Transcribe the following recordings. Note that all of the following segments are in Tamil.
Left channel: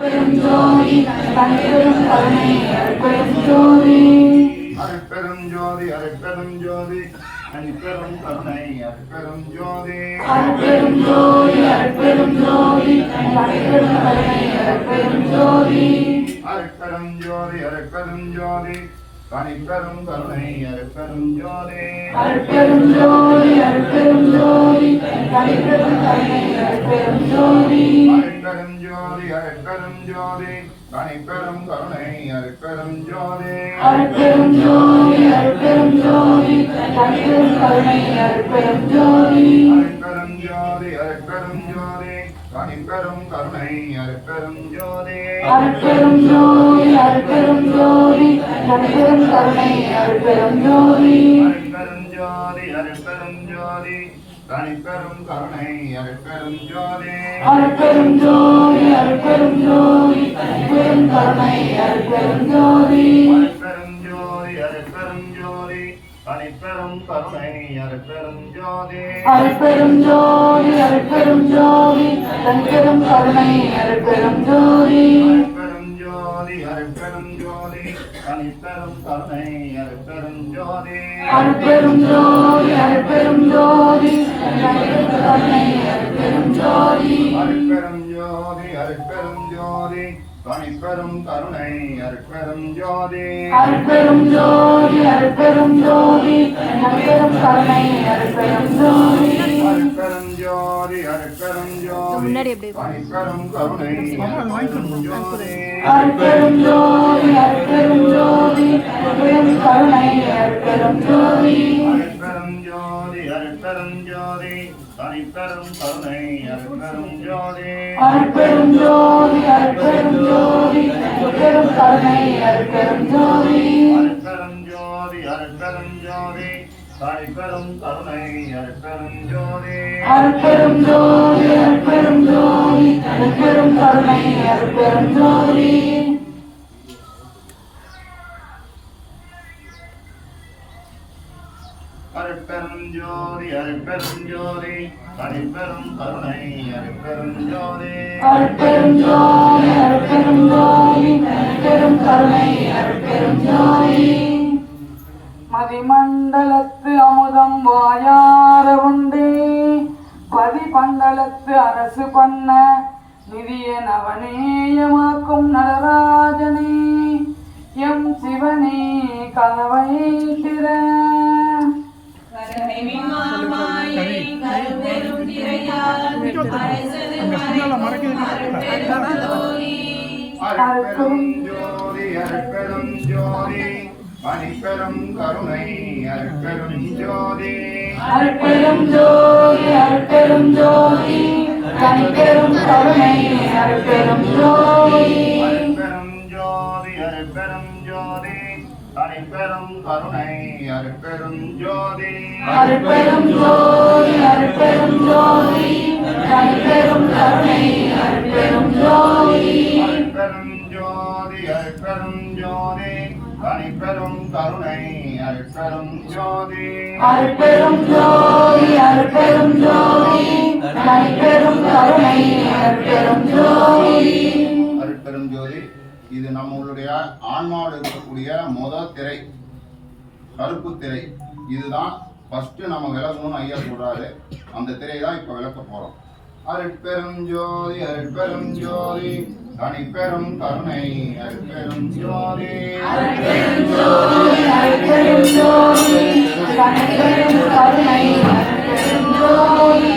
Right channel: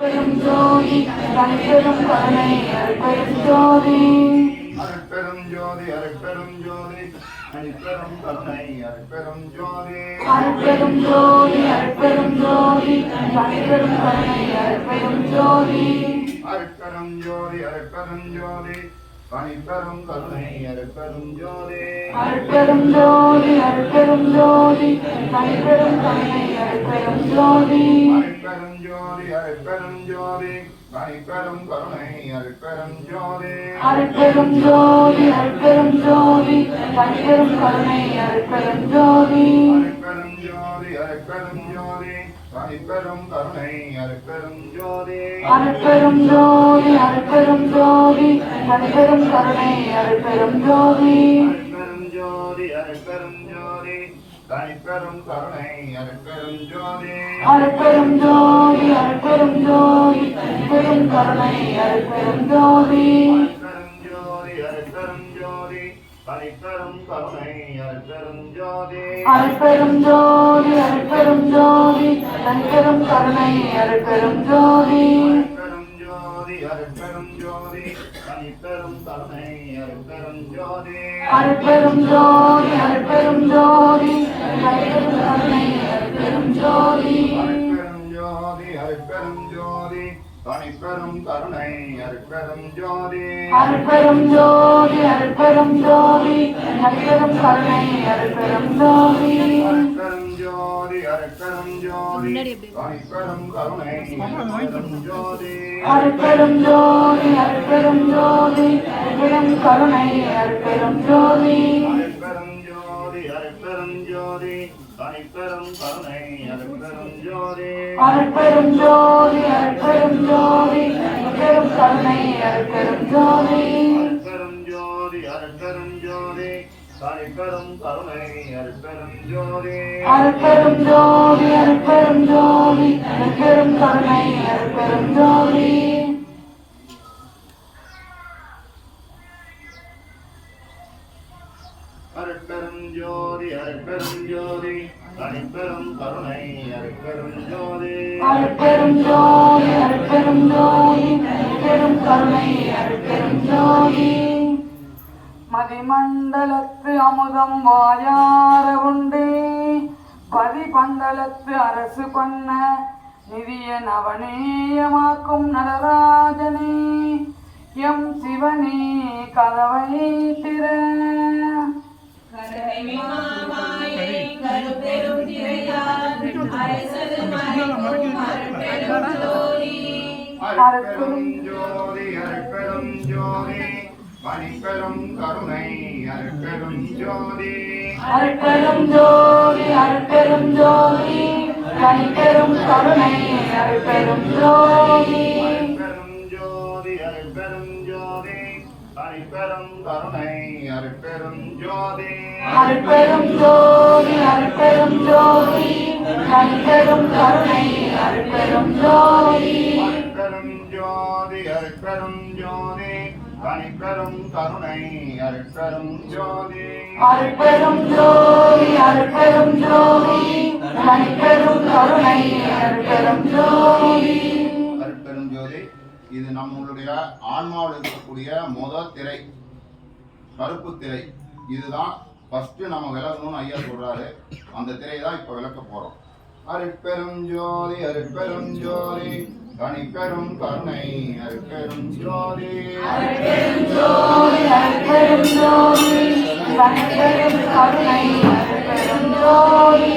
பெரும் ஜோதி தனிப்பெரும் கருணை அருட்பெரும் ஜோதி அருட்பெரும் ஜோதி அருட்பெரும் ஜோதி தனிப்பெரும் கருணை அருட்பெரும் ஜோதி அருட்பெரும் ஜோதி அருட்பெரும் ஜோதி தனிப்பெரும் கருணை அருட்பெரும் ஜோதி அருட்பெரும் ஜோதி அருட்பெரும் ஜோதி தனிப்பெரும் கருணை அருட்பெரும் ஜோதி அருட்பெரும் ஜோதி அருட்பெரும் ஜோதி தனிப்பெரும் கருணை அருட்பெரும் ஜோதி அருட்பெரும் ஜோதி அருட்பெரும் ஜோதி தனிப்பெரும் கருணை அருட்பெரும் ஜோதி அருட்பெரும் ஜோதி அருட்பெரும் ஜோதி தனிப்பெரும் கருணை அருட்பெரும் ஜோதி அருட்பெரும் ஜோதி அருட்பெரும் ஜோதி தனிப்பெரும் கருணை அருட்பெரும் ஜோதி அருட்பெரும் ஜோதி அருட்பெரும் ஜோதி தனிப்பெரும் கருணை அருட்பெரும் ஜோதி அருட்பெரும் ஜோதி அருட்பெரும் ஜோதி தனிப்பெரும் கருணை அருட்பெரும் ஜோதி அருட்பெரும் ஜோதி அருட்பெரும் ஜோதி தனிப்பெரும் கருணை அருட்பெரும் ஜோதி அருட்பெரும் ஜோதி அருட்பெரும் ஜோதி தனிப்பெரும் கருணை அருட்பெரும் ஜோதி அருட்பெரும் ஜோதி அருட்பெரும் ஜோதி தனிப்பெரும் கருணை அருட்பெரும் ஜோதி அருட்பெரும் ஜோதி அருட்பெரும் ஜோதி தனிப்பெரும் கருணை அருட்பெரும் ஜோதி அருட்பெரும் ஜோதி அருட்பெரும் ஜோதி தனிப்பெரும் கருணை அருட்பெரும் ஜோதி அருட்பெரும் ஜோதி அருட்பெரும் ஜோதி தனிப்பெரும் கருணை அருட்பெரும் ஜோதி அருட்பெரும் ஜோதி அருட்பெரும் ஜோதி தனிப்பெரும் கருணை அருட்பெரும் ஜோதி அருட்பெரும் ஜோதி அருட்பெரும் ஜோதி தனிப்பெரும் கருணை அருட்பெரும் ஜோதி அருட்பெரும் ஜோதி அருட்பெரும் ஜோதி தனிப்பெரும் கருணை அருட்பெரும் ஜோதி அருட்பெரும் ஜோதி அருட்பெரும் ஜோதி தனிப்பெரும் கருணை அருட்பெரும் ஜோதி அருட்பெரும் ஜோதி அருட்பெரும் ஜோதி தனிப்பெரும் கருணை அருட்பெரும் ஜோதி அருட்பெரும் ஜோதி அருட்பெரும் ஜோதி தனிப்பெரும் கருணை அருட்பெரும் ஜோதி அருட்பெரும் ஜோதி அருட்பெரும் ஜோதி தனிப்பெரும் கருணை அருட்பெரும் ஜோதி அருட்பெரும் ஜோதி அருட்பெரும் ஜோதி தனிப்பெரும் கருணை அருட்பெரும் ஜோதி அருட்பெரும் ஜோதி அருட்பெரும் ஜோதி தனிப்பெரும் கருணை அருட்பெரும் ஜோதி மதிமண்டலத்து அமுதம் வாயார உண்டே பதிபந்தளத்து அரசு பண்ண நிதிய நவநேயமாக்கும் நடராஜனே எம் சிவனே கதவை திற அருட்பெரும் ஜோதி அருட்பெரும் ஜோதி தனிப்பெரும் கருணை அருட்பெரும் ஜோதி அருட்பெரும் ஜோதி அருட்பெரும் ஜோதி தனிப்பெரும் கருணை அருட்பெரும் ஜோதி அருட்பெரும் ஜோதி அருட்பெரும் ஜோதி தனிப்பெரும் கருணை அருட்பெரும் ஜோதி அருட்பெரும் ஜோதி அருட்பெரும் ஜோதி தனிப்பெரும் கருணை அருட்பெரும் ஜோதி அருட்பெரும் ஜோதி அருட்பெரும் ஜோதி தனிப்பெரும் கருணை அருட்பெரும் ஜோதி அருட்பெரும் ஜோதி அருட்பெரும் ஜோதி தனிப்பெரும் கருணை அருட்பெரும் ஜோதி அருட்பெரும் ஜோதி இது நம்மளுடைய ஆன்மாவோடு இருக்கக்கூடிய முதல் திரை, கருப்பு திரை. இதுதான் ஃபர்ஸ்ட் நம்ம விளக்கணும்னு ஐயா சொல்றாரு. அந்த திரை தான் இப்ப விளக்க போறோம். அருட்பெரும் ஜோதி அருட்பெரும் ஜோதி தனிப்பெரும் கருணை அருட்பெரும் ஜோதி அருட்பெரும் ஜோதி அருட்பெரும் ஜோதி தனிப்பெரும் கருணை அருட்பெரும் ஜோதி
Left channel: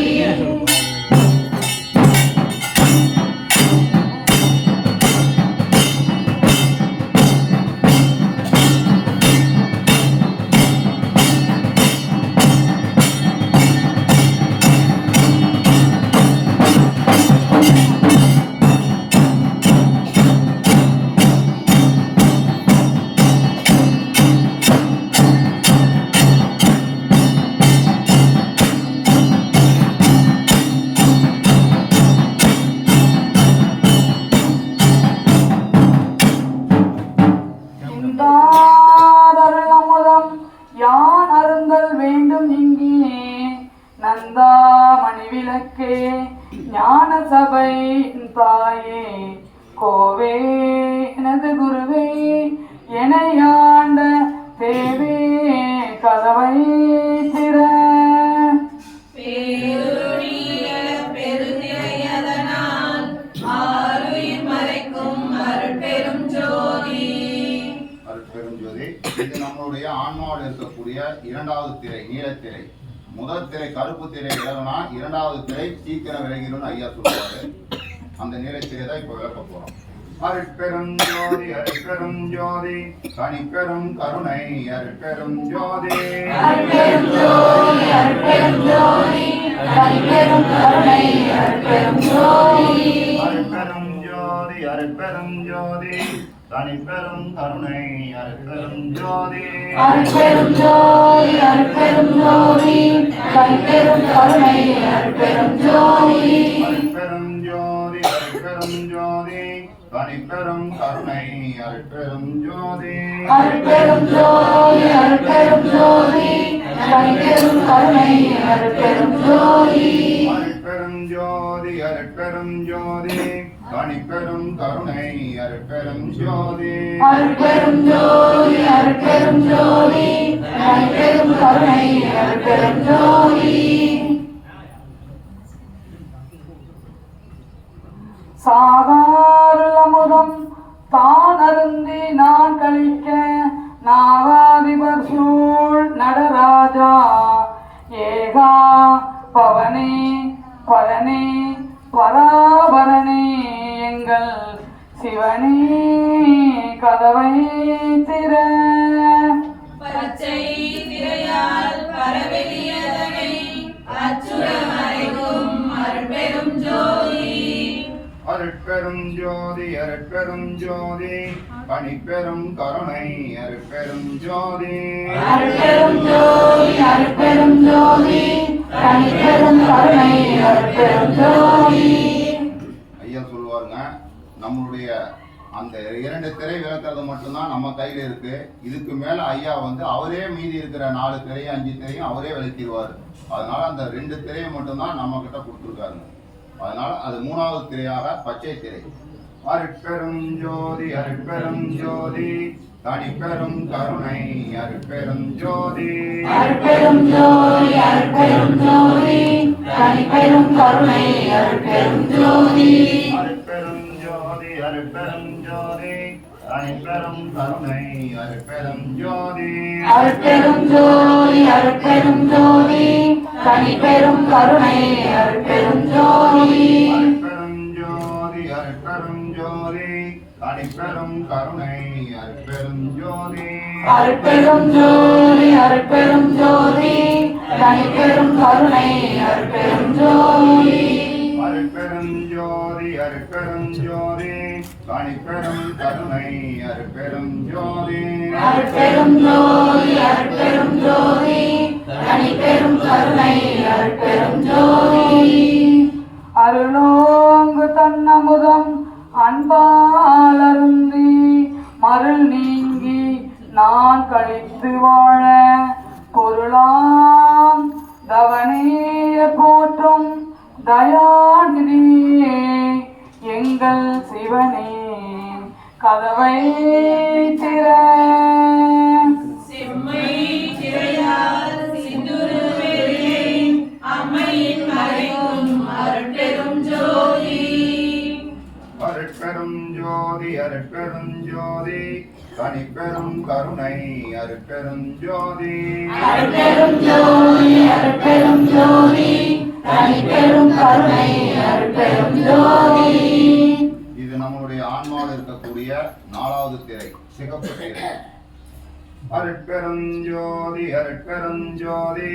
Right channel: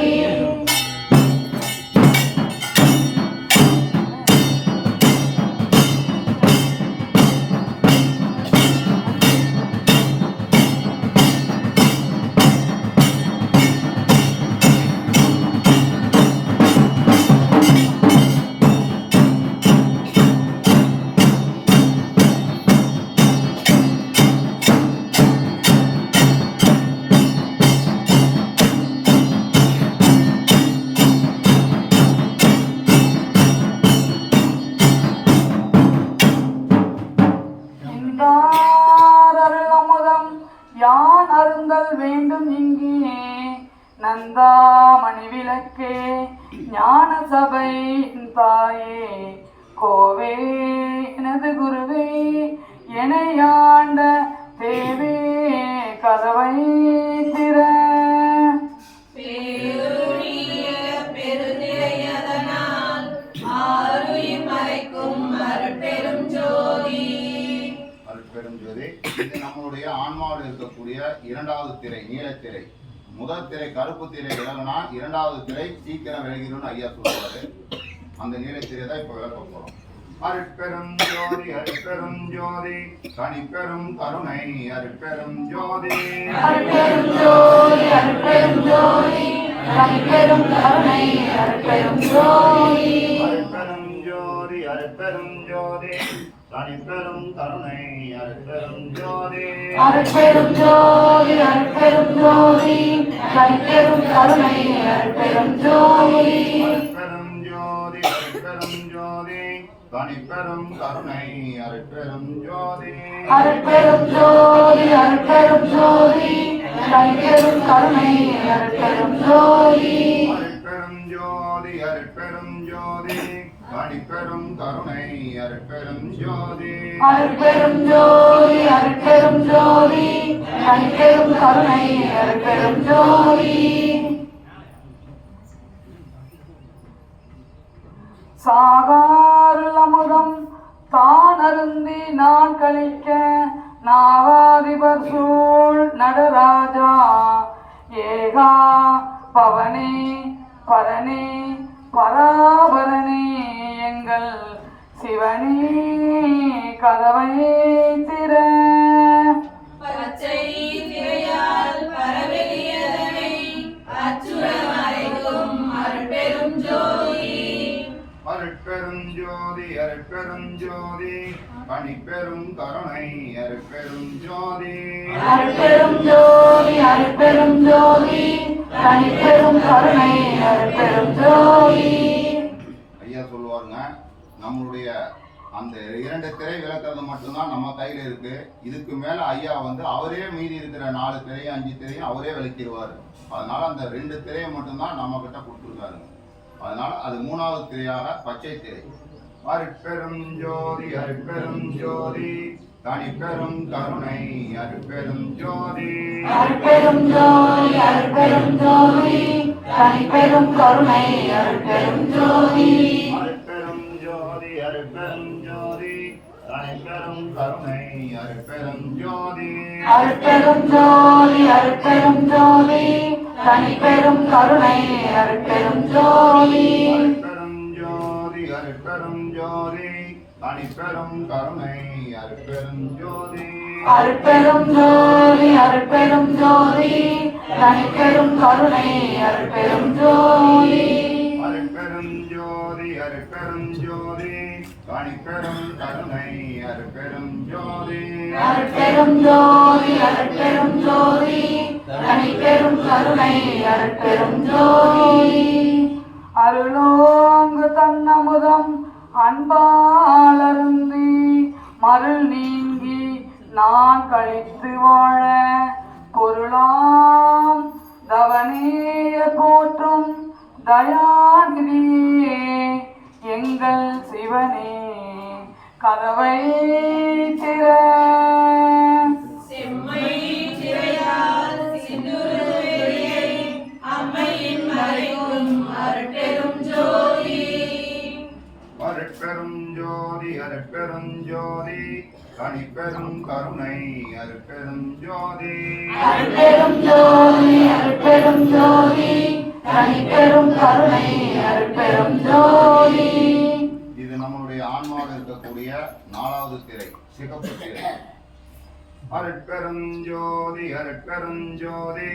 இருக்கக்கூடிய இரண்டாவது திரை நீலத்திரை. முதல் திரை கருப்பு திரை விலகுனா இரண்டாவது திரை சீக்கிரம் விலகிடும் ஐயா சொல்றாரு. அந்த நீலத்திரை தான் இப்ப விளக்க போறோம். அருட்பெரும் ஜோதி அருட்பெரும் ஜோதி தனிப்பெரும் கருணை அருட்பெரும் ஜோதி அருட்பெரும் ஜோதி அருட்பெரும் ஜோதி தனிப்பெரும் கருணை அருட்பெரும் ஜோதி அருட்பெரும் ஜோதி அருட்பெரும் ஜோதி தனிப்பெரும் கருணை அருட்பெரும் ஜோதி அருட்பெரும் ஜோதி அருட்பெரும் ஜோதி தனிப்பெரும் கருணை அருட்பெரும் ஜோதி அருட்பெரும் ஜோதி அருட்பெரும் ஜோதி தனிப்பெரும் கருணை அருட்பெரும் ஜோதி அருட்பெரும் ஜோதி அருட்பெரும் ஜோதி தனிப்பெரும் கருணை அருட்பெரும் ஜோதி அருட்பெரும் ஜோதி அருட்பெரும் ஜோதி தனிப்பெரும் கருணை அருட்பெரும் ஜோதி அருட்பெரும் ஜோதி அருட்பெரும் ஜோதி தனிப்பெரும் கருணை அருட்பெரும் ஜோதி சாகாருள் அமுதம் தான் அருந்தி நான் கழிக்க நாகாதிபர் சூழ் நடராஜா ஏகா பவனே பரனே பராபரனே எங்கள் சிவனே கதவை திற பச்சை திரையால் பரவெளியதனை அச்சுரமறைக்கும் அருட்பெரும் ஜோதி அருட்பெரும் ஜோதி அருட்பெரும் ஜோதி தனிப்பெரும் கருணை அருட்பெரும் ஜோதி அருட்பெரும் ஜோதி அருட்பெரும் ஜோதி தனிப்பெரும் கருணை அருட்பெரும் ஜோதி ஐயா சொல்லுவாருங்க, நம்மளுடைய அந்த இரண்டு திரை விளக்குறது மட்டும்தான் நம்ம கையில இருக்கு. இதுக்கு மேல ஐயா வந்து அவரே மீதி இருக்கிற 4 திரையும் 5 திரையும் அவரே விளக்கிடுவாரு. அதனால அந்த 2 திரையை மட்டும்தான் நம்ம கிட்ட கொடுத்துருக்காருங்க. அதனால அது 3வது திரையாக பச்சை திரை. அருட்பெரும் ஜோதி அருட்பெரும் ஜோதி தனிப்பெரும் கருணை அருட்பெரும் ஜோதி அருட்பெரும் ஜோதி அருட்பெரும் ஜோதி தனிப்பெரும் கருணை அருட்பெரும் ஜோதி அருட்பெரும் ஜோதி அருட்பெரும் ஜோதி தனிப்பெரும் கருணை அருட்பெரும் ஜோதி அருட்பெரும் ஜோதி அருட்பெரும் ஜோதி தனிப்பெரும் கருணை அருட்பெரும் ஜோதி அருட்பெரும் ஜோதி அருட்பெரும் ஜோதி தனிப்பெரும் கருணை அருட்பெரும் ஜோதி அருட்பெரும் ஜோதி அருட்பெரும் ஜோதி தனிப்பெரும் கருணை அருட்பெரும் ஜோதி அருட்பெரும் ஜோதி அருட்பெரும் ஜோதி தனிப்பெரும் கருணை அருட்பெரும் ஜோதி அருட்பெரும் ஜோதி அருட்பெரும் ஜோதி தனிப்பெரும் கருணை அருட்பெரும் ஜோதி அருளோங்கு தன்னமுதம் அன்பாலருந்தி மருள் நீங்கி நான் கழித்து வாழ பொருளாம் தவனேய போற்றும் தயாநிதியே எங்கள் சிவனே கதவை திற செம்மை திரையால் சிந்துருவெளியை அம்மையின் மறைக்கும் அருட்பெரும் ஜோதி அருட்பெரும் ஜோதி அருட்பெரும் ஜோதி தனிப்பெரும் கருணை அருட்பெரும் ஜோதி அருட்பெரும் ஜோதி அருட்பெரும் ஜோதி தனிப்பெரும் கருணை அருட்பெரும் ஜோதி இது நம்மளுடைய ஆன்மாவில் இருக்கக்கூடிய 4வது திரை சிகப்பு திரை. அருட்பெரும் ஜோதி அருட்பெரும் ஜோதி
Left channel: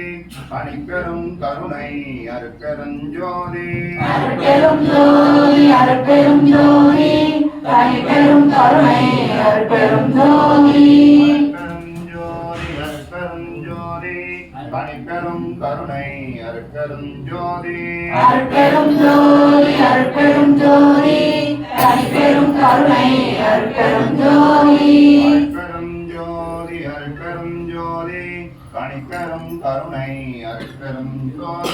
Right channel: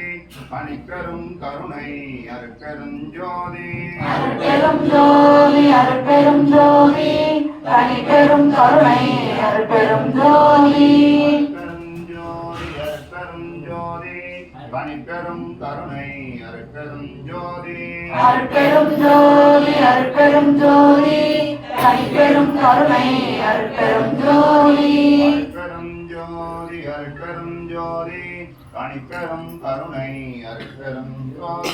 தனிப்பெரும் கருணை அருட்பெரும் ஜோதி அருட்பெரும் ஜோதி அருட்பெரும் ஜோதி தனிப்பெரும் கருணை அருட்பெரும் ஜோதி அருட்பெரும் ஜோதி அருட்பெரும் ஜோதி தனிப்பெரும் கருணை அருட்பெரும் ஜோதி அருட்பெரும் ஜோதி அருட்பெரும் ஜோதி தனிப்பெரும் கருணை அருட்பெரும் ஜோதி அருட்பெரும் ஜோதி அருட்பெரும் ஜோதி தனிப்பெரும் கருணை அருட்பெரும் ஜோதி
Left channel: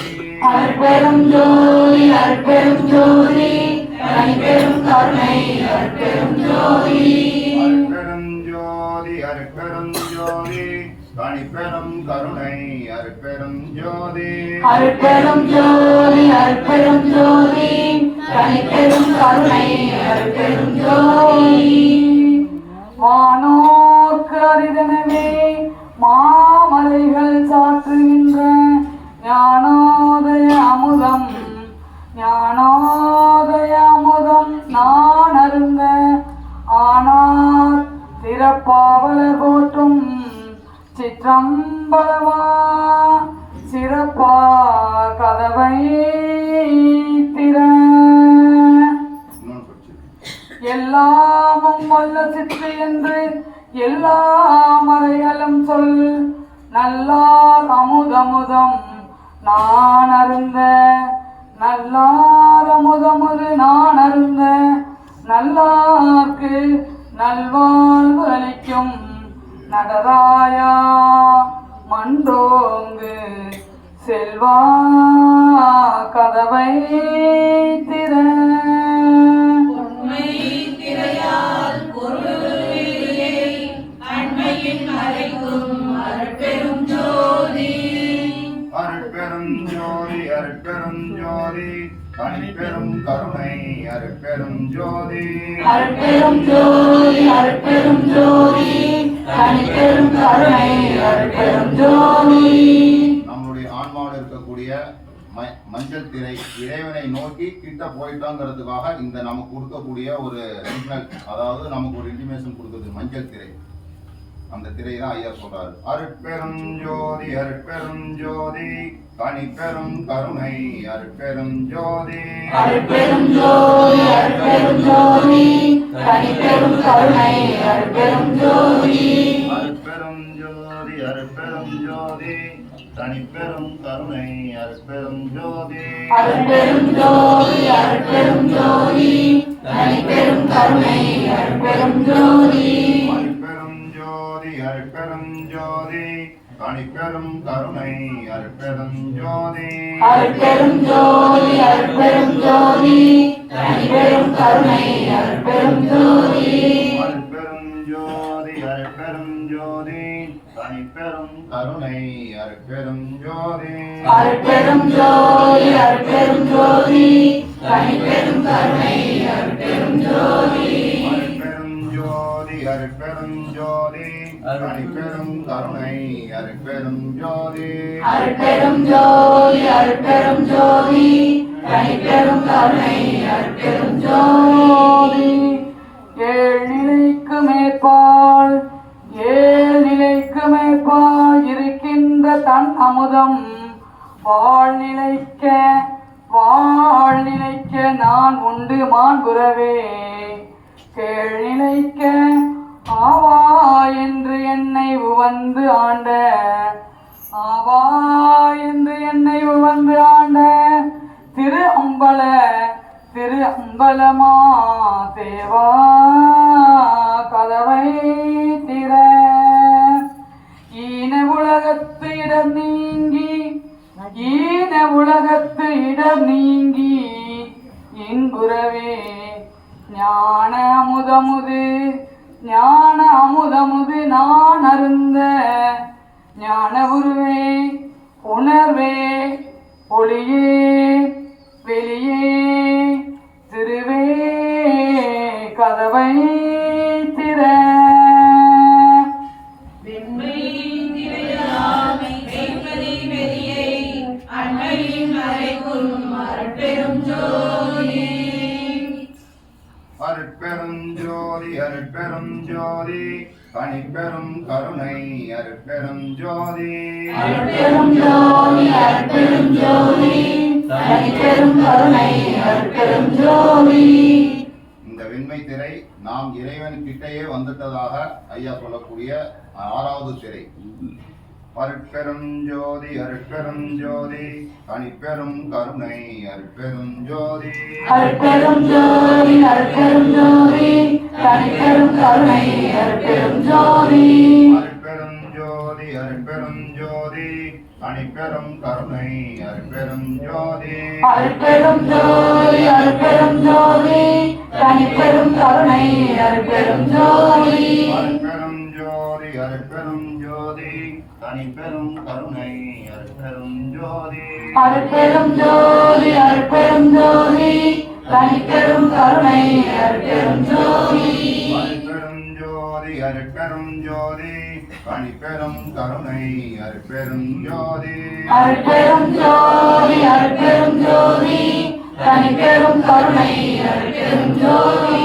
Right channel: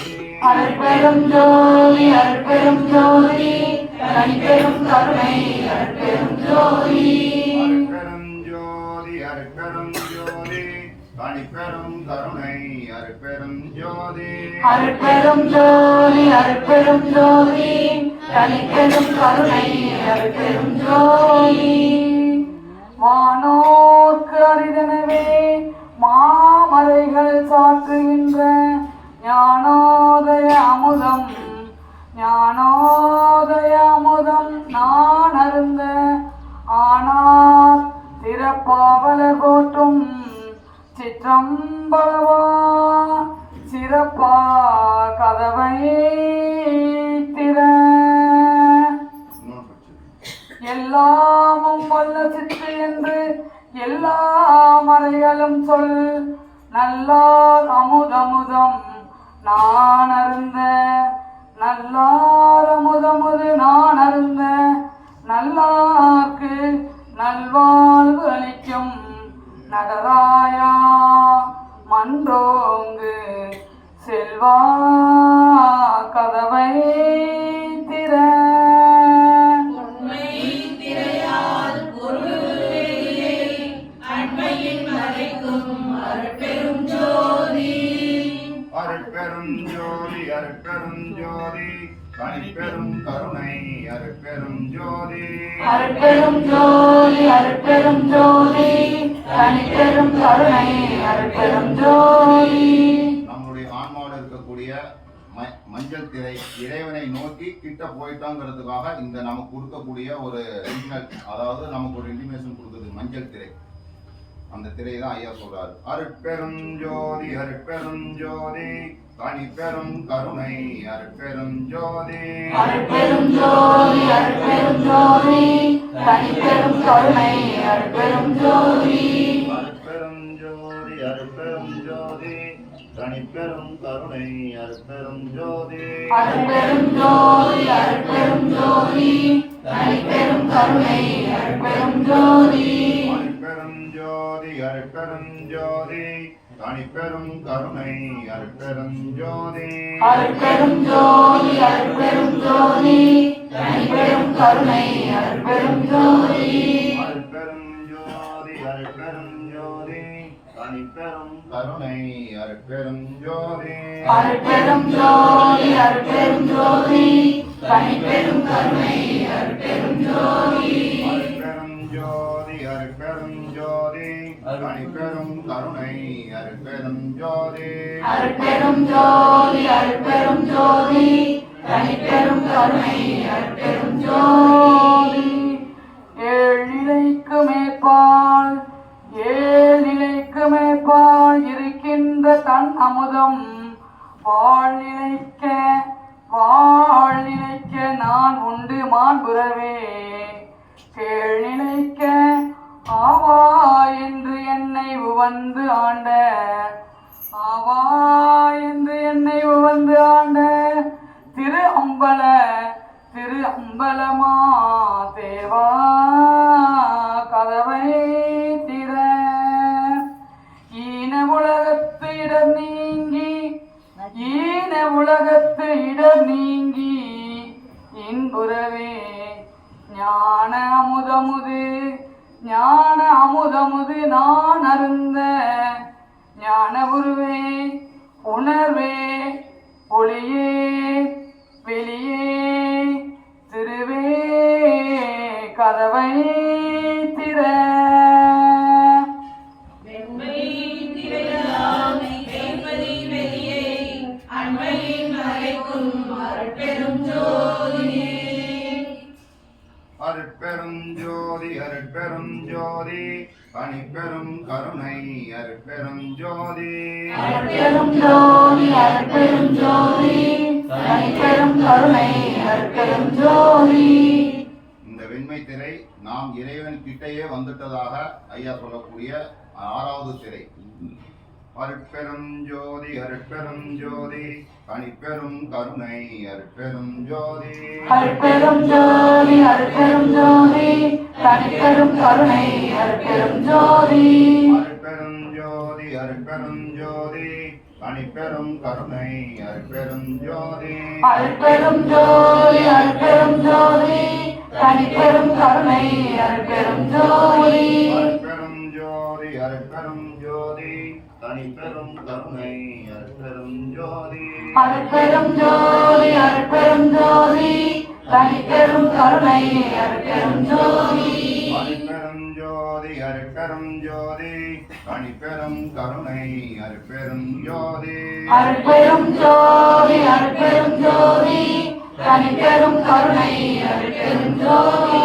அருட்பெரும் ஜோதி அருட்பெரும் ஜோதி தனிப்பெரும் கருணை அருட்பெரும் ஜோதி அருட்பெரும் ஜோதி அருட்பெரும் ஜோதி தனிப்பெரும் கருணை அருட்பெரும் ஜோதி அருட்பெரும் ஜோதி அருட்பெரும் ஜோதி தனிப்பெரும் கருணை அருட்பெரும் ஜோதி வானோர்க்கு அரிதனவே மாமலை அருந்த ஆனார் திறப்பாவலர் போற்றும் சிற்றம்பலவா சிறப்பா கதவை திற எல்லாமும் வல்ல சிற்று என்று எல்லா மறைகளும் சொல் நல்லார் அமுதமுதம் நான் அருந்த நல்லார் அமுதமுது நான் அருந்த நல்லார்க்கு நல்வாழ்வு அளிக்கும் நடராயா மன்றோங்கு செல்வா கதவை திற உண்மை திரையால் பொருளிலே அண்மையின் மறைக்கும் அருட்பெரும் ஜோதி அருட்பெரும் ஜோதி அருட்பெரும் ஜோதி தனிப்பெரும் கருணை அருட்பெரும் ஜோதி அருட்பெரும் ஜோதி அருட்பெரும் ஜோதி தனிப்பெரும் கருணை அருட்பெரும் ஜோதி. நம்மளுடைய ஆன்மாவில் இருக்கக்கூடிய மஞ்சள் திரை இறைவனை நோக்கி கிட்ட போயிட்டோங்கிறதுக்காக இந்த நமக்கு கொடுக்கக்கூடிய ஒரு சிக்னல், அதாவது நமக்கு ஒரு இன்டிமேஷன் கொடுக்குது மஞ்சள் திரை. அந்த திரை தான் ஐயா சொல்றாரு. அருட்பெரும் ஜோதி அருட்பெரும் ஜோதி தனிப்பெரும் கருணை அருட்பெரும் ஜோதி அருட்பெரும் ஜோதி அருட்பெரும் ஜோதி தனிப்பெரும் கருணை அருட்பெரும் ஜோதி அருட்பெரும் ஜோதி அருட்பெரும் ஜோதி தனிப்பெரும் கருணை அருட்பெரும் ஜோதி அருட்பெரும் ஜோதி அருட்பெரும் ஜோதி தனிப்பெரும் கருணை அருட்பெரும் ஜோதி அருட்பெரும் ஜோதி அருட்பெரும் ஜோதி தனிப்பெரும் கருணை அருட்பெரும் ஜோதி அருட்பெரும் ஜோதி அருட்பெரும் ஜோதி தனிப்பெரும் கருணை அருட்பெரும் ஜோதி அருட்பெரும் ஜோதி அருட்பெரும் ஜோதி தனிப்பெரும் கருணை அருட்பெரும் ஜோதி அருட்பெரும் ஜோதி அருட்பெரும் ஜோதி தனிப்பெரும் கருணை அருட்பெரும் ஜோதி அருட்பெரும் ஜோதி அருட்பெரும் ஜோதி தனிப்பெரும் கருணை அருட்பெரும் ஜோதி அருட்பெரும் ஜோதி அருட்பெரும் ஜோதி தனிப்பெரும் கருணை அருட்பெரும் ஜோதி. ஏழ்நிலைக்கு மேற்பால் ஏழ்நிலைக்கு மேற்பால் இருக்கின்ற தன் அமுதம் வாழ்நிலைக்க வாழ்நிலைக்க நான் உண்டு மாண்புறவே கேழ்நிலைக்க ஆவா என்று என்னை உவந்து ஆண்ட ஆவா என்று என்னை உவந்து ஆண்ட திரு அம்பலமா தேவா கதவை திற ஈன உலகத்து இடர் நீங்கி ஈன உலகத்து இடர் நீங்கி இன்புறவே ஞான அமுதமுது நான் அருந்த ஞான உருவே உணர்வே ஒளியே வெளியே திருவே கதவை திற வெண்மை திரையால் மெய்ப்பதி வெளியே அண்மையின் மறைக்கும் அருட்பெரும் ஜோதி அருட்பெரும் ஜோதி அருட்பெரும் ஜோதி தனிப்பெரும் கருணை அருட்பெரும் ஜோதி அருட்பெரும் ஜோதி அருட்பெரும் ஜோதி தனிப்பெரும் கருணை அருட்பெரும் ஜோதி. இந்த வெண்மை திரை நாம் இறைவன் கிட்டையே வந்துட்டதாக ஐயா சொல்லக்கூடிய 6வது திரை. அருட்பெரும் ஜோதி அருட்பெரும் ஜோதி தனிப்பெரும் கருணை அருட்பெரும் ஜோதி அருட்பெரும் ஜோதி அருட்பெரும் ஜோதி தனிப்பெரும் கருணை அருட்பெரும் ஜோதி அருட்பெரும் ஜோதி அருட்பெரும் ஜோதி தனிப்பெரும் கருணை அருட்பெரும் ஜோதி அருட்பெரும் ஜோதி அருட்பெரும் ஜோதி தனிப்பெரும் கருணை அருட்பெரும் ஜோதி அருட்பெரும் ஜோதி அருட்பெரும் ஜோதி தனிப்பெரும் கருணை அருட்பெரும் ஜோதி அருட்பெரும் ஜோதி அருட்பெரும் ஜோதி தனிப்பெரும் கருணை அருட்பெரும் ஜோதி அருட்பெரும் ஜோதி அருட்பெரும் ஜோதி தனிப்பெரும் கருணை அருட்பெரும் ஜோதி அருட்பெரும் ஜோதி அருட்பெரும் ஜோதி தனிப்பெரும் கருணை அருட்பெரும் ஜோதி.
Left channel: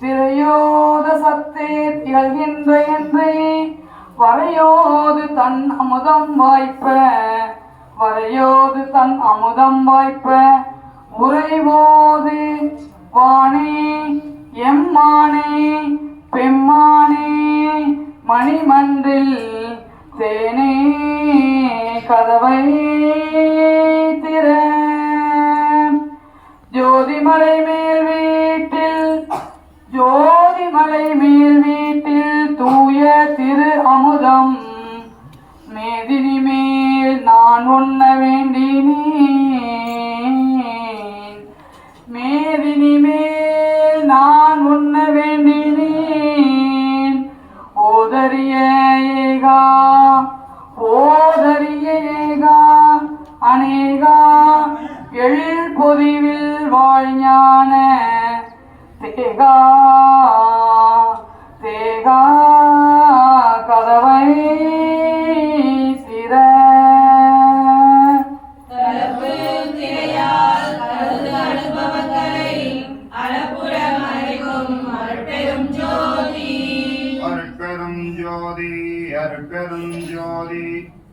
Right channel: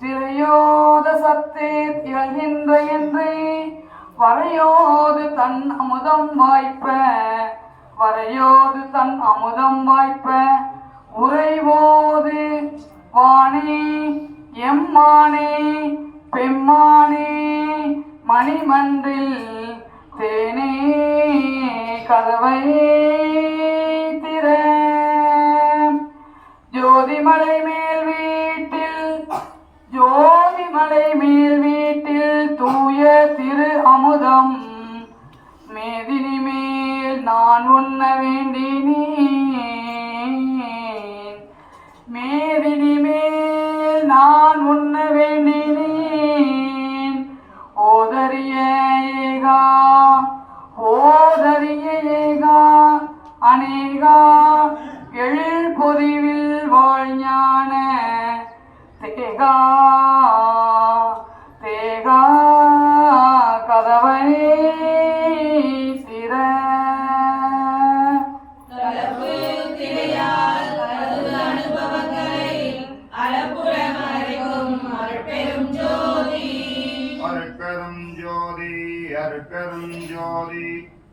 திரையோத சத்தே திகழ்கின்ற என்றே வரையோது தன் அமுதம் வாய்ப்ப, வரையோது தன் அமுதம் வாய்ப்ப, உறைவோது வானே எம்மானே பெம்மானே மணிமன்றில் தேனே கதவை திற. ஜோதிமலை மேல் வீட்டில், ஜோதிமலை மேல் வீட்டில் தூய திரு அமுதம் மேதினி மேல் நான் உண்ண வேண்டினேன். மேதினி மேல் நான் உண்ண வேண்டினேன். ஓதரிய ஏகா, ஓதரிய ஏகா அநேகா எள் பொதிவில் வாழ்ஞான தேகா, தேகா கதவை திற. கலப்பு திரையால் கலந்து அனுபவங்களை அளப்புற மறைக்கும் அருட்பெரும் ஜோதி. அருட்பெரும் ஜோதி அருட்பெரும் ஜோதி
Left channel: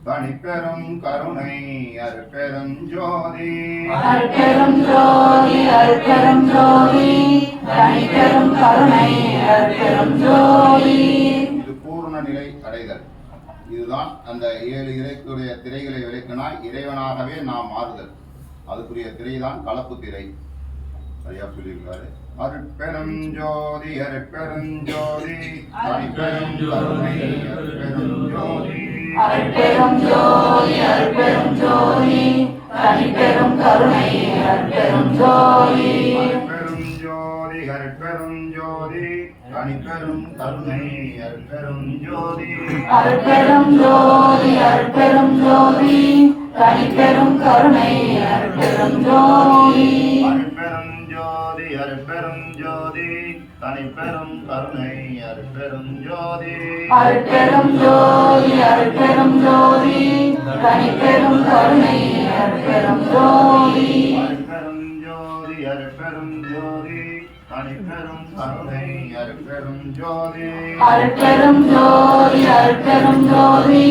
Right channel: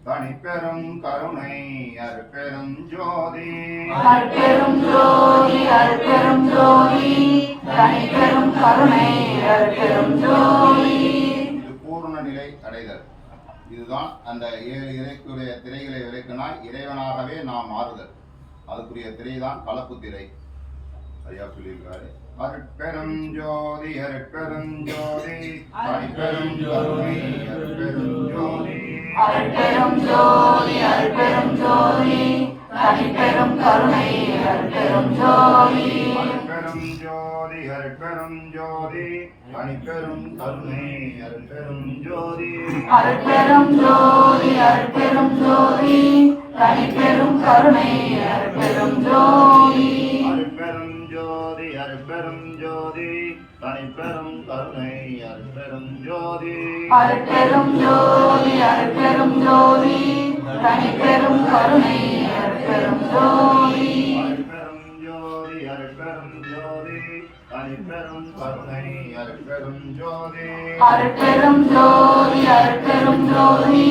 தனிப்பெரும் கருணை அருட்பெரும் ஜோதி. அருட்பெரும் ஜோதி அருட்பெரும் ஜோதி தனிப்பெரும் கருணை அருட்பெரும் ஜோதி. இது பூர்ண நிலை அடைதல். இதுதான் அந்த 7 இறைக்குடைய திரைகளை விளக்கினால் இறைவனாகவே நாம் மாறுதல். அதுக்குரிய திரை தான் கலப்பு திரை. ஐயா சொல்லியிருக்காரு. அருட்பெரும் ஜோதி அருட்பெரும் ஜோதி தனிப்பெரும் கருணை அருட்பெரும் ஜோதி. அருட்பெரும் ஜோதி அருட்பெரும் ஜோதி தனிப்பெரும் கருணை அருட்பெரும் ஜோதி. அருட்பெரும் ஜோதி அருட்பெரும் ஜோதி தனிப்பெரும் கருணை அருட்பெரும் ஜோதி. அருட்பெரும் ஜோதி அருட்பெரும் ஜோதி தனிப்பெரும் கருணை அருட்பெரும் ஜோதி. அருட்பெரும் ஜோதி அருட்பெரும் ஜோதி தனிப்பெரும் கருணை அருட்பெரும் ஜோதி. அருட்பெரும் ஜோதி அருட்பெரும் ஜோதி தனிப்பெரும் கருணை அருட்பெரும் ஜோதி. அருட்பெரும் ஜோதி அருட்பெரும் ஜோதி தனிப்பெரும் கருணை அருட்பெரும் ஜோதி. அருட்பெரும் ஜோதி அருட்பெரும் ஜோதி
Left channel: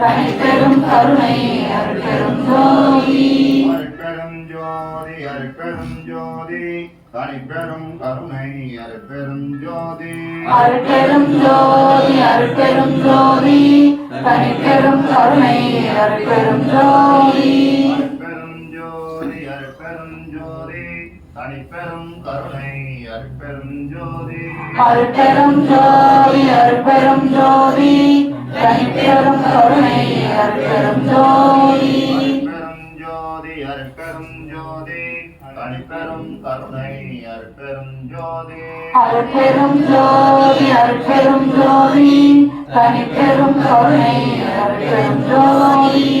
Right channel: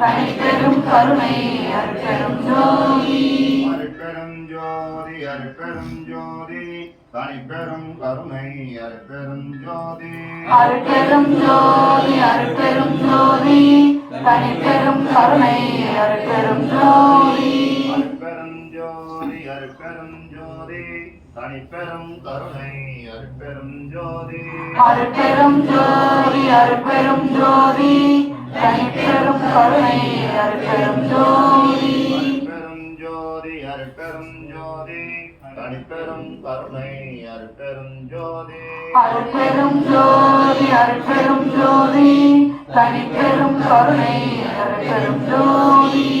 தனிப்பெரும் கருணை அருட்பெரும் ஜோதி. அருட்பெரும் ஜோதி அருட்பெரும் ஜோதி தனிப்பெரும் கருணை அருட்பெரும் ஜோதி. அருட்பெரும் ஜோதி அருட்பெரும் ஜோதி தனிப்பெரும் கருணை அருட்பெரும் ஜோதி. அருட்பெரும் ஜோதி அருட்பெரும் ஜோதி தனிப்பெரும் கருணை அருட்பெரும் ஜோதி. அருட்பெரும் ஜோதி அருட்பெரும் ஜோதி தனிப்பெரும் கருணை அருட்பெரும் ஜோதி. அருட்பெரும் ஜோதி அருட்பெரும் ஜோதி தனிப்பெரும் கருணை அருட்பெரும் ஜோதி. அருட்பெரும் ஜோதி அருட்பெரும் ஜோதி தனிப்பெரும் கருணை அருட்பெரும் ஜோதி. அருட்பெரும்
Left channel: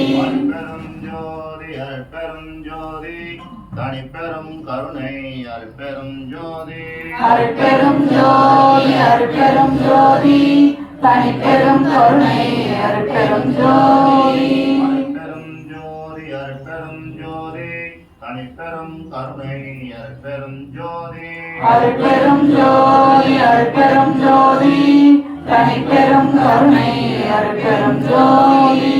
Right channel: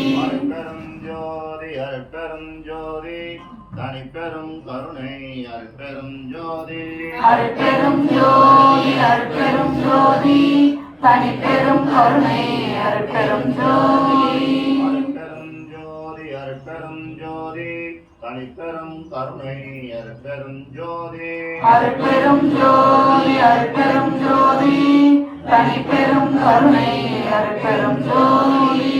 ஜோதி அருட்பெரும் ஜோதி தனிப்பெரும் கருணை அருட்பெரும் ஜோதி. அருட்பெரும் ஜோதி அருட்பெரும் ஜோதி தனிப்பெரும் கருணை அருட்பெரும் ஜோதி. அருட்பெரும் ஜோதி அருட்பெரும் ஜோதி தனிப்பெரும் கருணை அருட்பெரும் ஜோதி. அருட்பெரும் ஜோதி அருட்பெரும் ஜோதி தனிப்பெரும் கருணை அருட்பெரும் ஜோதி.